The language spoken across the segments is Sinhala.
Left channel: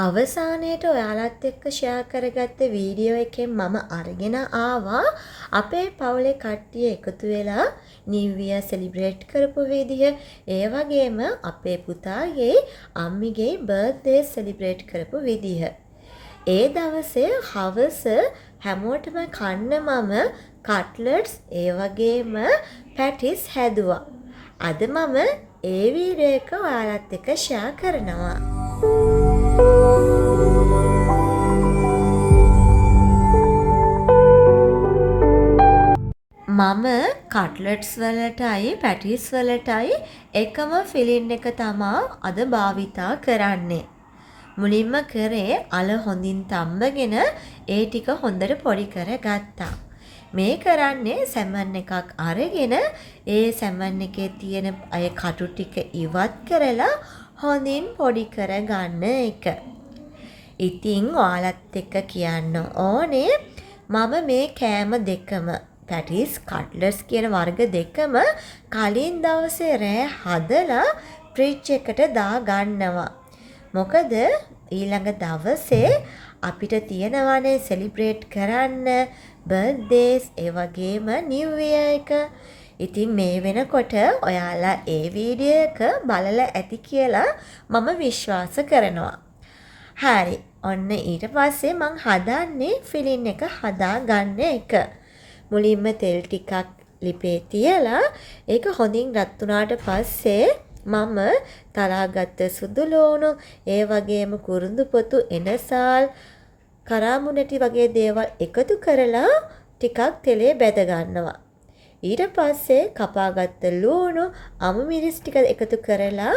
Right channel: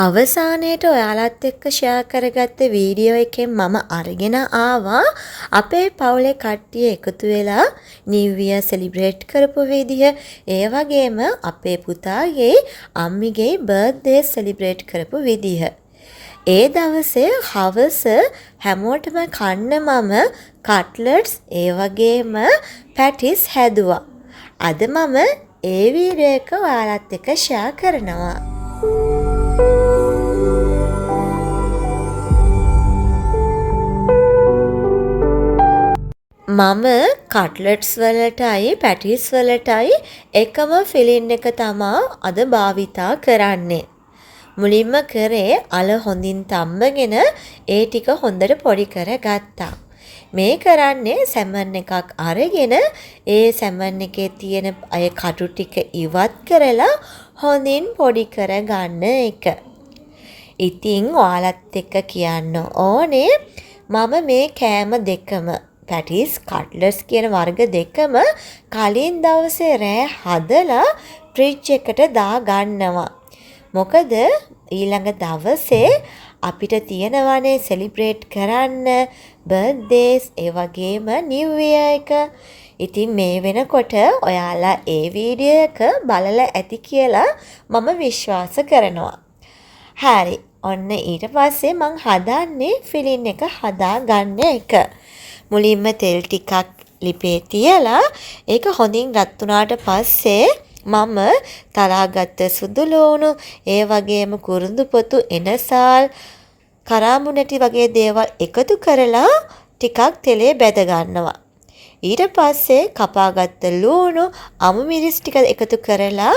අවසානයේට ඔයාලත් එක්ක ෂෙයා කරගත්ත වීඩියෝ එකෙන් මම අරගෙන ආවා අපේ පවුලේ කට්ටිය එකතු වෙලා නිව් ඉයර් සෙලිබ්‍රේට් කරපු විදිහ ඒ වගේම අපේ පුතාගේ අම්මිගේ බර්ත්ඩේ සෙලිබ්‍රේට් කරපු විදිහ. ඒ දවසේ හවස හැමෝටම කන්න මම කට්ලට්ස් ඒ වගේම පැටිස් හැදුවා. අද මම ඒ වීඩියෝ එක ඔයාලත් එක්ක ෂෙයා කරනවා. මම කට්ලට්ස් වලටයි පැටිස් වලටයි එකම ෆිලින් එක තමා අද භාවිතා කරන්නේ. මුලින්ම කරේ අල හොඳින් තම්බගෙන ඒ ටික හොඳට පොඩි කරගත්තා. මේ කරන්නේ සැමන් එකක් අරගෙන ඒ සැමන් එකේ තියෙන අය කටු ටික ඉවත් කරලා හොඳින් පොඩි කරගන්න එක. ඉතින් ඔයාලත් එක්ක කියන්න ඕනේ මම මේ කෑම දෙකම පැටිස් කට්ලට්ස් කියන වර්ග දෙකම කලින් දවසේ රෑ හදලා ෆ්‍රිජ් එකට දා ගන්නවා. මොකද ඊළඟ දවසේ අපිට තියෙනවානේ සෙලිබ්‍රේට් කරන්න බර්ත්ඩේස් ඒ වගේම නිව් ඉයර් එක. ඉතින් මේ වෙනකොට ඔයාලා ඒ වීඩියෝ එක බලලා ඇති කියලා මම විශ්වාස කරනවා. හරි. ඔන්න ඊට පස්සේ මං හදන්නේ ෆිලින් එක හදා ගන්න එක. මුලින්ම තෙල් ටිකක් ලිපේ තියලා ඒක හොඳින් රත් වුණාට පස්සේ මම තරාගත්ත සුදු ලුණු ඒ වගේම කුරුඳු පොතු එනසාල් කරාඹු නැටි වගේ දේවල් එකතු කරලා ටිකක් තෙලේ බැද ගන්නවා. ඊට පස්සේ කපාගත්ත ලුණු අමු මිරිස් ටික එකතු කරලා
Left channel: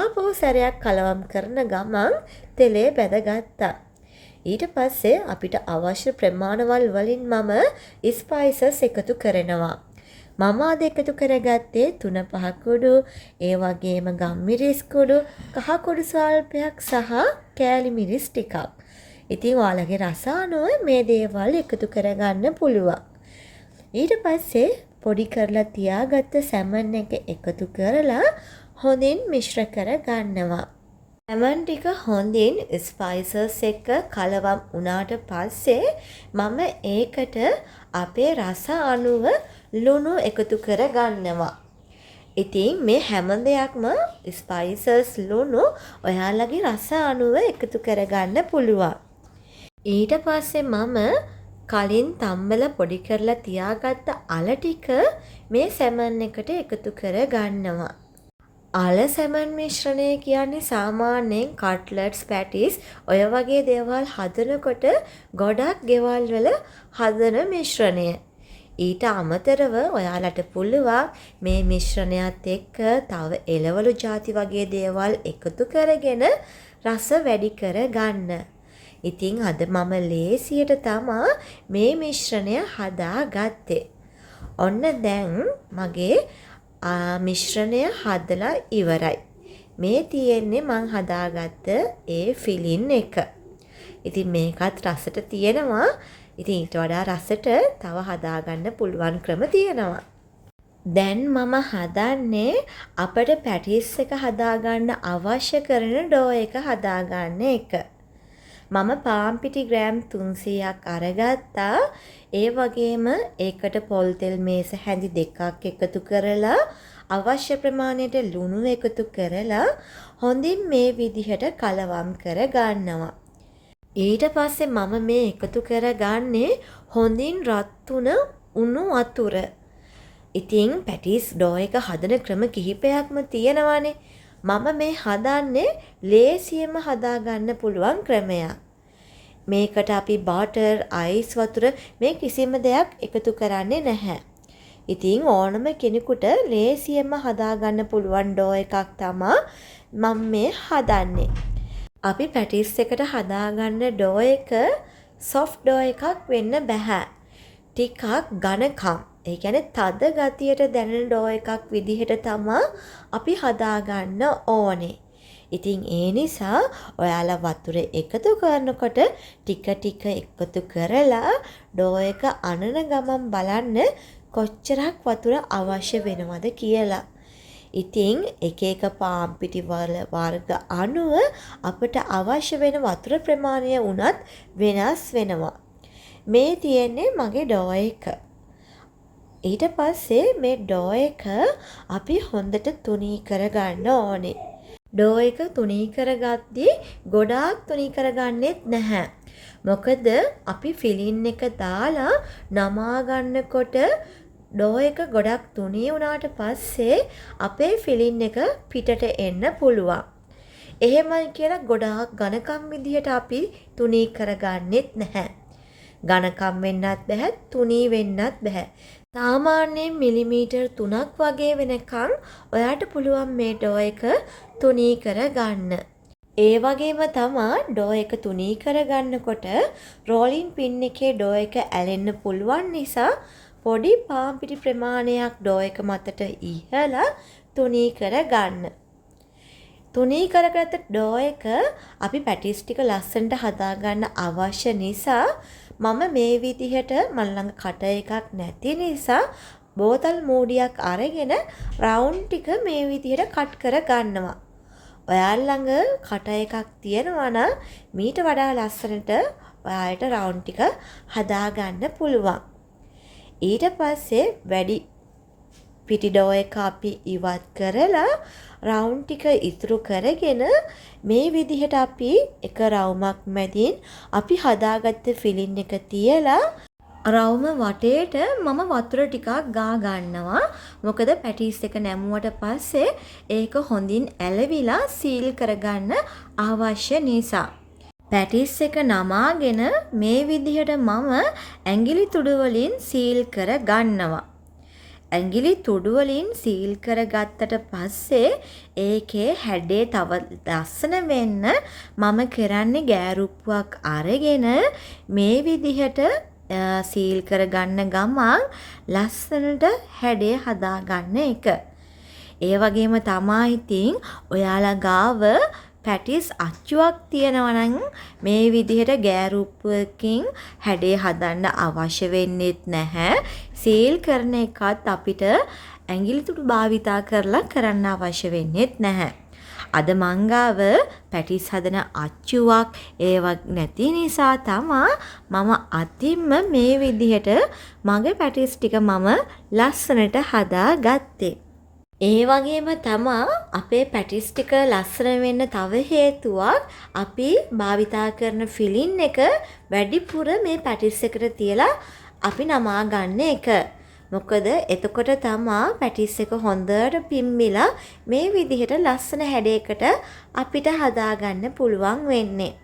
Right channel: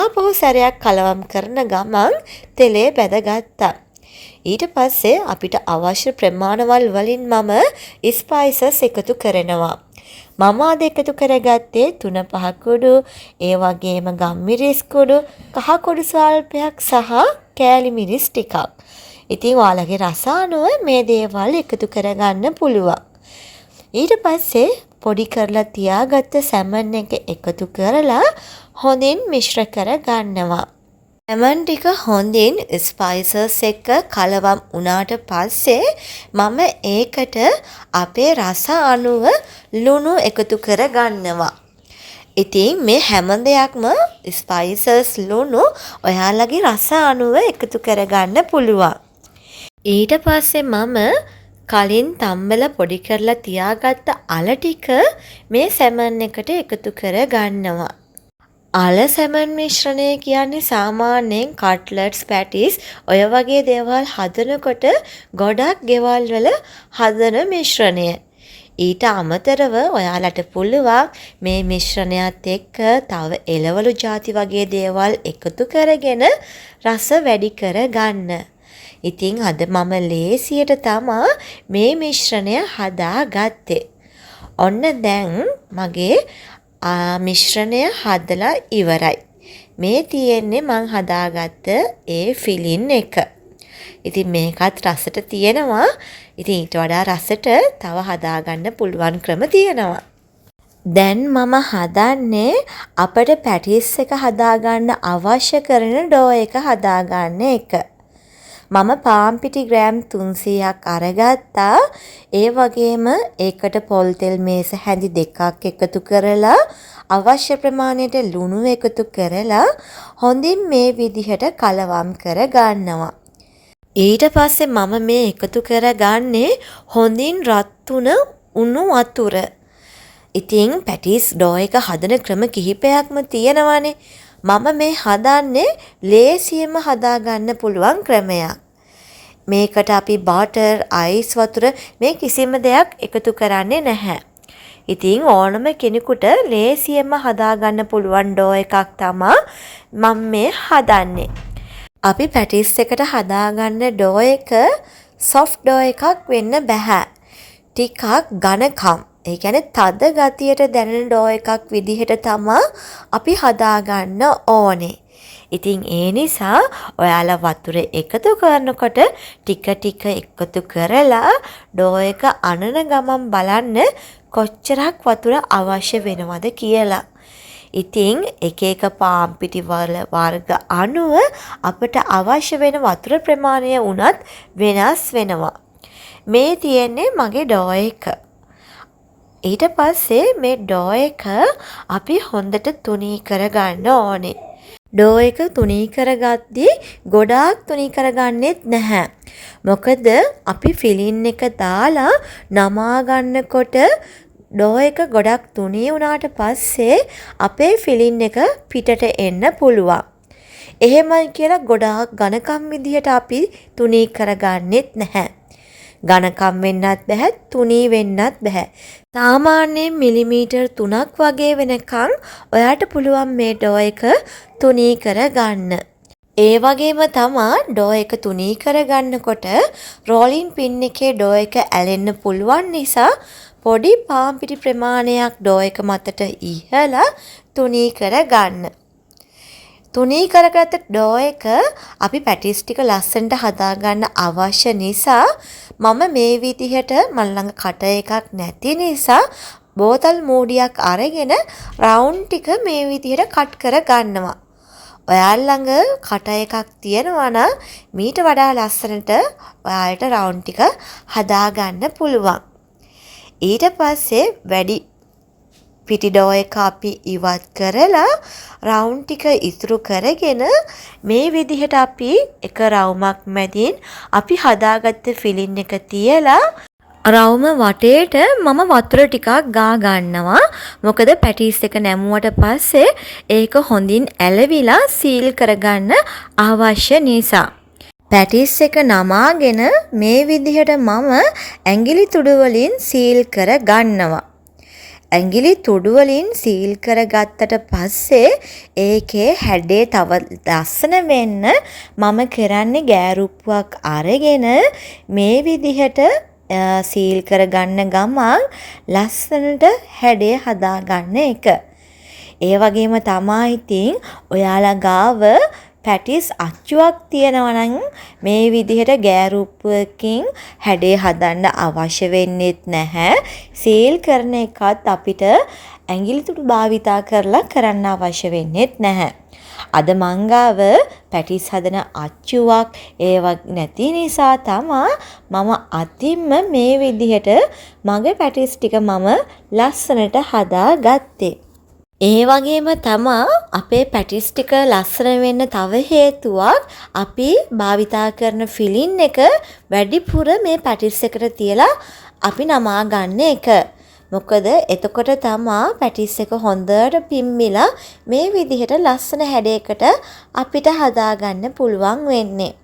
ආපහු සැරයක් කලවම් කරන ගමන් තෙලේ බැදගත්තා. ඊට පස්සේ අපිට අවශ්‍ය ප්‍රමාණවල් වලින් මම ස්පයිසස් එකතු කරනවා. මම අද එකතු කරගත්තේ 3-5 කුඩු, ඒ වගේම ගම්මිරිස් කුඩු, කහ කුඩු ස්වල්පයක් සහ කෑලි මිරිස් ටිකක්. ඉතින් ඔයාලගේ රස අනුව මේ දේවල් එකතු කරගන්න පුළුවන්. ඊට පස්සේ පොඩි කරලා තියාගත්ත සැමන් එක එකතු කරලා හොඳින් මිශ්‍ර කර ගන්නවා. සැමන් ටික හොඳින් ස්පයිසස් එක කලවම් වුණාට පස්සේ මම ඒකට අපේ රස අනුව ලුණු එකතු කර ගන්නවා. ඉතින් මේ හැම දෙයක්ම ස්පයිසස් ලුණු ඔයාලගේ රස අනුව එකතු කරගන්න පුළුවන්. ඊට පස්සේ මම කලින් තම්බලා පොඩි කරලා තියාගත්ත අල ටික මේ සැමන් එකට එකතු කර ගන්නවා. අල සැමන් මිශ්‍රණය කියන්නේ සාමාන්‍යයෙන් කට්ලට්ස් පැටිස් ඔය වගේ දේවල් හදනකොට ගොඩක් ගෙවල් වල හදන මිශ්‍රණය. ඊට අමතරව ඔයාලට පුළුවන් මේ මිශ්‍රණයත් එක්ක තව එළවලු ಜಾති වගේ දේවල් එකතු කරගෙන රස වැඩි කර ගන්න. ඉතින් අද මම ලේසියට තමා මේ මිශ්‍රණය හදාගත්තේ. ඔන්න දැන් මගේ මිශ්‍රණය හදලා ඉවරයි. මේ තියෙන්නේ මං හදාගත්ත ඒ ෆිලින් එක. ඉතින් මේකත් රසට තියෙනවා. ඉතින් ඊට වඩා රසට තව හදාගන්න පුළුවන් ක්‍රම තියෙනවා. දැන් මම හදන්නේ අපිට පැටිස් එක හදාගන්න අවශ්‍ය කරන ඩෝ එක හදාගන්න එක. මම පාන් පිටි ග්‍රෑම් 300ක් අරගත්තා. ඒ වගේම ඒකට පොල් තෙල් මේස හැඳි දෙකක් එකතු කරලා අවශ්‍ය ප්‍රමාණයට ලුණු එකතු කරලා හොඳින් මේ විදිහට කලවම් කර ගන්නවා. ඊට පස්සේ මම මේ එකතු කරගන්නේ හොඳින් රත් වුණ උණු වතුර. ඉතින් පැටිස් ඩෝ එක හදන ක්‍රම කිහිපයක්ම තියෙනවානේ. මම මේ හදන්නේ ලේසියෙන්ම හදාගන්න පුළුවන් ක්‍රමයක්. මේකට අපි බටර්, අයිස් වතුර මේ කිසිම දෙයක් එකතු කරන්නේ නැහැ. ඉතින් ඕනම කෙනෙකුට ලේසියෙන්ම හදාගන්න පුළුවන් ඩෝ එකක් තමයි මම මේ හදන්නේ. අපි පැටිස් එකට හදාගන්න ඩෝ එක සොෆ්ට් ඩෝ එකක් වෙන්න බෑ. ටිකක් ඝනකම් ඒ කියන්නේ තද ගතියට දැනෙන ඩෝ එකක් විදිහට තමයි අපි හදාගන්න ඕනේ. ඉතින් ඒ නිසා ඔයාලා වතුර එකතු කරනකොට ටික ටික එකතු කරලා ඩෝ එක අනන ගමන් බලන්න කොච්චරක් වතුර අවශ්‍ය වෙනවද කියලා. ඉතින් එක එක පාන් පිටි වර්ග අනුව අපට අවශ්‍ය වෙන වතුර ප්‍රමාණය උනත් වෙනස් වෙනවා. මේ තියෙන්නේ මගේ ඩෝ එක. ඊට පස්සේ මේ ඩෝ එක අපි හොඳට තුනී කරගන්න ඕනේ. ඩෝ එක තුනී කරගද්දී ගොඩාක් තුනී කරගන්නෙත් නැහැ. මොකද අපි ෆිලින් එක දාලා නමා ගන්නකොට ඩෝ එක ගොඩක් තුනී වුණාට පස්සේ අපේ ෆිලින් එක පිටට එන්න පුළුවන්. එහෙමයි කියලා ගොඩාක් ඝනකම් විදිහට අපි තුනී කරගන්නෙත් නැහැ. ඝනකම් වෙන්නත් බෑ, තුනී වෙන්නත් බෑ. සාමාන්‍යයෙන් මිලිමීටර් 3ක් වගේ වෙනකන් ඔයාට පුළුවන් මේ ඩෝ එක තුනී කරගන්න. ඒ වගේම තමා ඩෝ එක තුනී කරගන්නකොට රෝලින් පින් එකේ ඩෝ එක ඇලෙන්න පුළුවන් නිසා පොඩි පාන් පිටි ප්‍රමාණයක් ඩෝ එක මතට ඉහලා තුනී කරගන්න. තුනී කරගත්ත ඩෝ එක අපි පැටිස් ටික ලස්සනට හදාගන්න අවශ්‍ය නිසා මම මේ විදිහට මල් ළඟ කට එකක් නැති නිසා බෝතල් මූඩියක් අරගෙන රවුන්ඩ් ටික මේ විදිහට කට් කර ගන්නවා. ඔයාලා ළඟ කට එකක් තියෙනවා නම් මීට වඩා ලස්සනට ඔයාලට රවුන්ඩ් ටික හදාගන්න පුළුවන්. ඊට පස්සේ වැඩි පිටි ඩෝ එක අපි ඉවත් කරලා රවුන්ඩ් ටික ඉතුරු කරගෙන මේ විදිහට අපි එක රවුමක් මැදින් අපි හදාගත්ත ෆිලින් එක තියලා රවුම වටේට මම වතුර ටිකක් ගා ගන්නවා. මොකද පැටිස් එක නැමුවට පස්සේ ඒක හොඳින් ඇලවිලා සීල් කරගන්න අවශ්‍ය නිසා. පැටිස් එක නමාගෙන මේ විදිහට මම ඇඟිලි තුඩු වලින් සීල් කර ගන්නවා. ඇඟිලි තුඩු වලින් සීල් කරගත්තට පස්සේ ඒකේ හැඩේ තව ලස්සන වෙන්න මම කරන්නේ ගෑරුප්පුවක් අරගෙන මේ විදිහට සීල් කරගන්න ගමන් ලස්සනට හැඩේ හදාගන්න එක. ඒ වගේම තමයි ඉතින් ඔයාලා ගාව පැටිස් අච්චුවක් තියෙනවා නම් මේ විදිහට ගෑරුප්පුවකින් හැඩේ හදන්න අවශ්‍ය වෙන්නේත් නැහැ. සීල් කරන එකත් අපිට ඇඟිලි තුඩු භාවිතා කරලා කරන්න අවශ්‍ය වෙන්නේත් නැහැ. අද මංගාව පැටිස් හදන අච්චුවක් ඒවක් නැති නිසා තමා මම අතින්ම මේ විදිහට මගේ පැටිස් ටික මම ලස්සනට හදාගත්තේ. ඒ වගේම තමා අපේ පැටිස් ටික ලස්සන වෙන්න තව හේතුවක් අපි භාවිතා කරන ෆිලින් එක වැඩිපුර මේ පැටිස් එකට තියලා අපි නමා ගන්න එක. මොකද එතකොට තමා පැටිස් එක හොඳට පිම්මිලා මේ විදිහට ලස්සන හැඩයකට අපිට හදාගන්න පුළුවන් වෙන්නේ.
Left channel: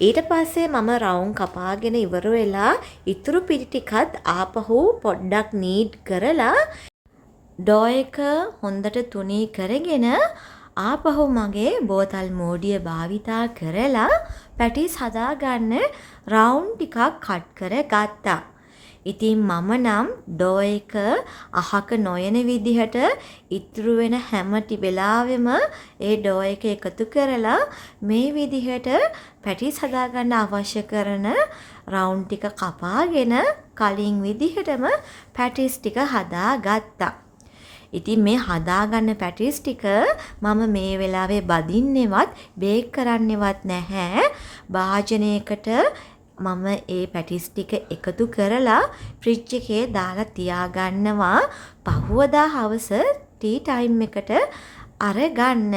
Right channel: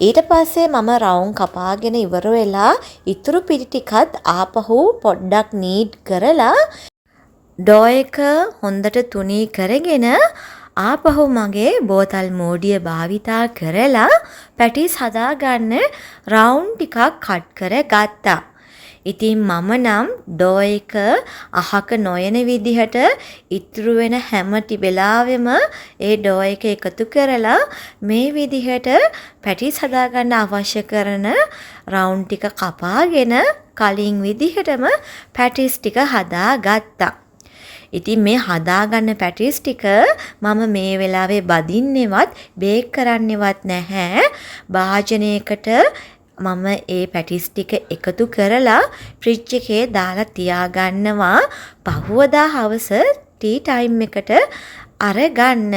ඊට පස්සේ මම රවුම් කපාගෙන ඉවර වෙලා ඉතුරු පිටි ටිකත් ආපහු පොඩ්ඩක් නීඩ් කරලා ඩෝ එක හොඳට තුනී කරගෙන ආපහු මගේ බෝතල් මෝඩිය භාවිතා කරලා පැටිස් හදාගන්න රවුන්ඩ් ටිකක් කට් කර ගත්තා. ඉතින් මම නම් ඩෝ එක අහක නොයන විදිහට ඉතුරු වෙන හැම වෙලාවෙම ඒ ඩෝ එක එකතු කරලා මේ විදිහට පැටිස් හදාගන්න අවශ්‍ය කරන රවුන්ඩ් ටික කපාගෙන කලින් විදිහටම පැටිස් ටික හදාගත්තා. ඉතින් මේ හදාගන්න පැටිස් ටික මම මේ වෙලාවේ බදින්නෙවත් බේක් කරන්නෙවත් නැහැ. භාජනයකට මම ඒ පැටිස් ටික එකතු කරලා ෆ්‍රිජ් එකේ දාලා තියාගන්නවා. පහුවදා හවස ටී ටයිම් එකට අරගන්න.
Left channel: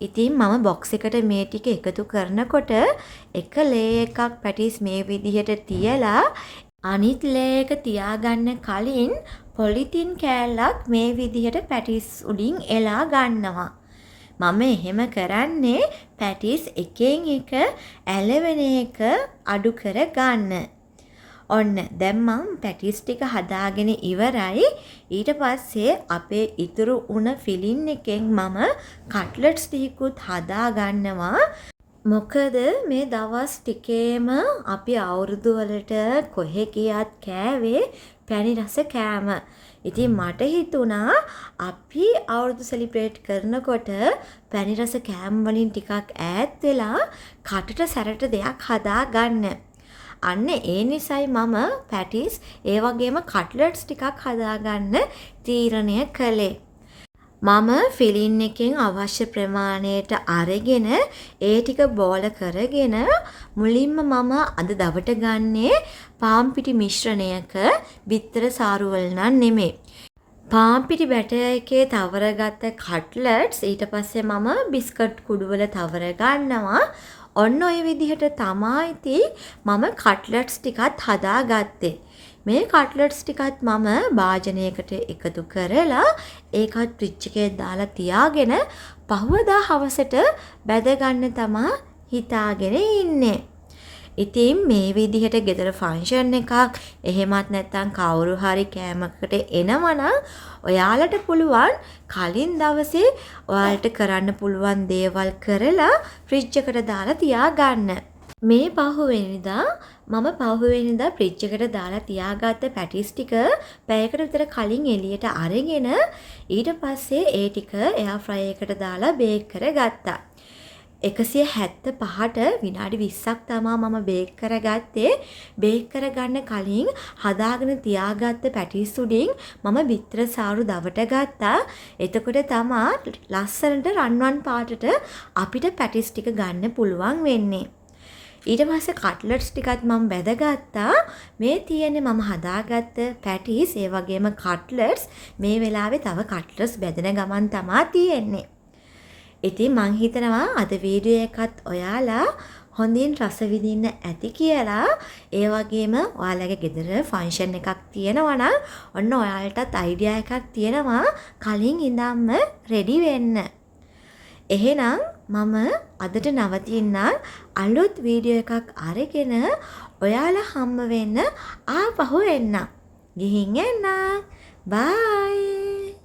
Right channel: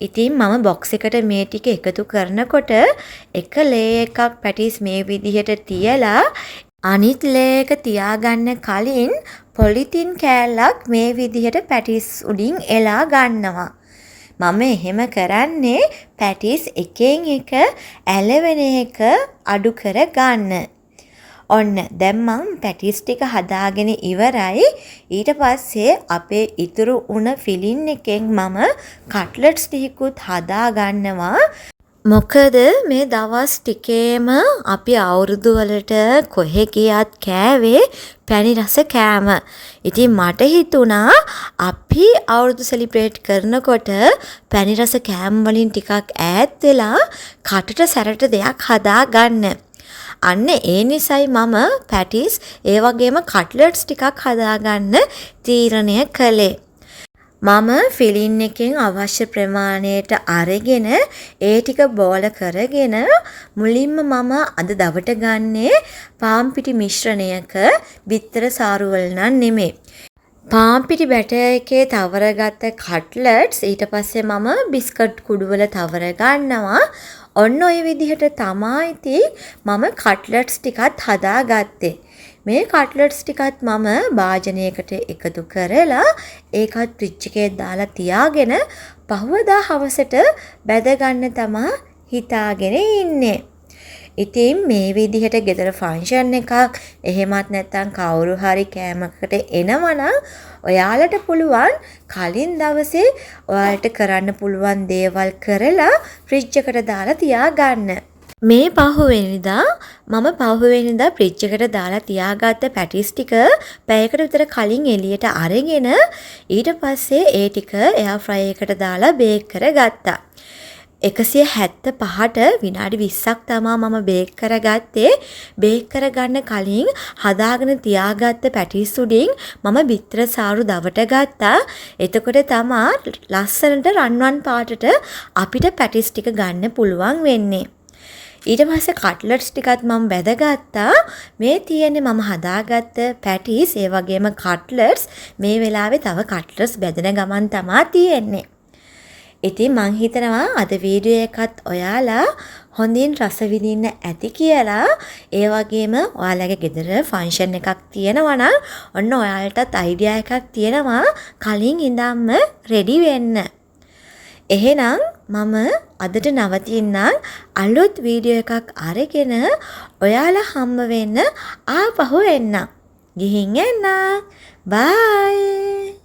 ඉතින් මම බොක්ස් එකට මේ ටික එකතු කරනකොට එක ලේ එකක් පැටිස් මේ විදිහට තියලා අනිත් ලේ එක තියාගන්න කලින් පොලිතින් කෑල්ලක් මේ විදිහට පැටිස් උඩින් එලා ගන්නවා. මම එහෙම කරන්නේ පැටිස් එකෙන් එක ඇලවෙන එක අඩු කර ගන්න. ඔන්න දැන් මම පැටිස් ටික හදාගෙන ඉවරයි. ඊට පස්සේ අපේ ඉතුරු උණ ෆිලින් එකෙන් මම කට්ලට්ස් ටිකකුත් හදා ගන්නවා. මොකද මේ දවස් ටිකේම අපි අවුරුදු වලට කොහෙ ගියත් කෑවේ පැණි රස කෑම. ඉතින් මට හිතුණා අපි අවුරුදු සෙලිබ්‍රේට් කරනකොට පැණි රස කෑම වලින් ටිකක් ඈත් වෙලා කටට සැරට දෙයක් හදා ගන්න. අන්න ඒ නිසයි මම පැටිස් ඒ වගේම කට්ලට්ස් ටිකක් හදාගන්න තීරණය කළේ. මම ෆිලින් එකෙන් අවශ්‍ය ප්‍රමාණයට අරගෙන ඒ ටික බෝල කරගෙන මුලින්ම මම අද දවට ගන්නේ පාන් පිටි මිශ්‍රණයක බිත්තර සාරුවල් නම් නෙමෙයි. පාන් පිටි බැටර් එකේ තවරගත්ත කට්ලට්ස් ඊට පස්සේ මම බිස්කට් කුඩුවල තවර ගන්නවා. ඔන්න ඔය විදිහට තමයි ඉතින් මම කට්ලට්ස් ටිකත් හදාගත්තේ. මේ කට්ලට්ස් ටිකත් මම භාජනයකට එකතු කරලා ඒකත් ෆ්‍රිජ් එකේ දාලා තියාගෙන පහවදා හවසට බැද ගන්න තමයි හිතාගෙන ඉන්නේ. ඉතින් මේ විදිහට ගෙදර ෆන්ක්ෂන් එකක් එහෙමත් නැත්නම් කවුරු හරි කෑමකට එනවනම් ඔයාලට පුළුවන් කලින් දවසේ ඔයාලට කරන්න පුළුවන් දේවල් කරලා ෆ්‍රිජ් එකට දාලා තියාගන්න. මේ පහුවෙනිදා මම පහුවෙනිදා ෆ්‍රිජ් එකට දාලා තියාගත්ත පැටිස් ටික පැයකට විතර කලින් එළියට අරගෙන ඊට පස්සේ ඒ ටික එයාර් ෆ්‍රයර් එකට දාලා බේක් කරගත්තා. 175ට විනාඩි 20ක් තමයි මම බේක් කරගත්තේ. බේක් කරගන්න කලින් හදාගෙන තියාගත්ත පැටිස් උඩින් මම බිත්තර සාරු දවට ගත්තා. එතකොට තමයි ලස්සනට රන්වන් පාටට අපිට පැටිස් ටික ගන්න පුළුවන් වෙන්නේ. ඊට පස්සේ කට්ලට්ස් ටිකත් මම බැදගත්තා. මේ තියෙන්නේ මම හදාගත්ත පැටිස් ඒ වගේම කට්ලට්ස්. මේ වෙලාවේ තව කට්ලට්ස් බැදෙන ගමන් තමයි තියෙන්නේ. ඉතින් මං හිතනවා අද වීඩියෝ එකත් ඔයාලා හොඳින් රස විඳින්න ඇති කියලා. ඒ වගේම ඔයාලගේ ගෙදර ෆන්ක්ෂන් එකක් තියෙනවා නම් ඔන්න ඔයාලටත් අයිඩියා එකක් තියෙනවා කලින් ඉඳන්ම රෙඩි වෙන්න. එහෙනම් මම අදට නවතින්නම්. අලුත් වීඩියෝ එකක් අරගෙන ඔයාලා හම්බ වෙන්න ආපහු එන්න. ගිහින් එන්න. බයි.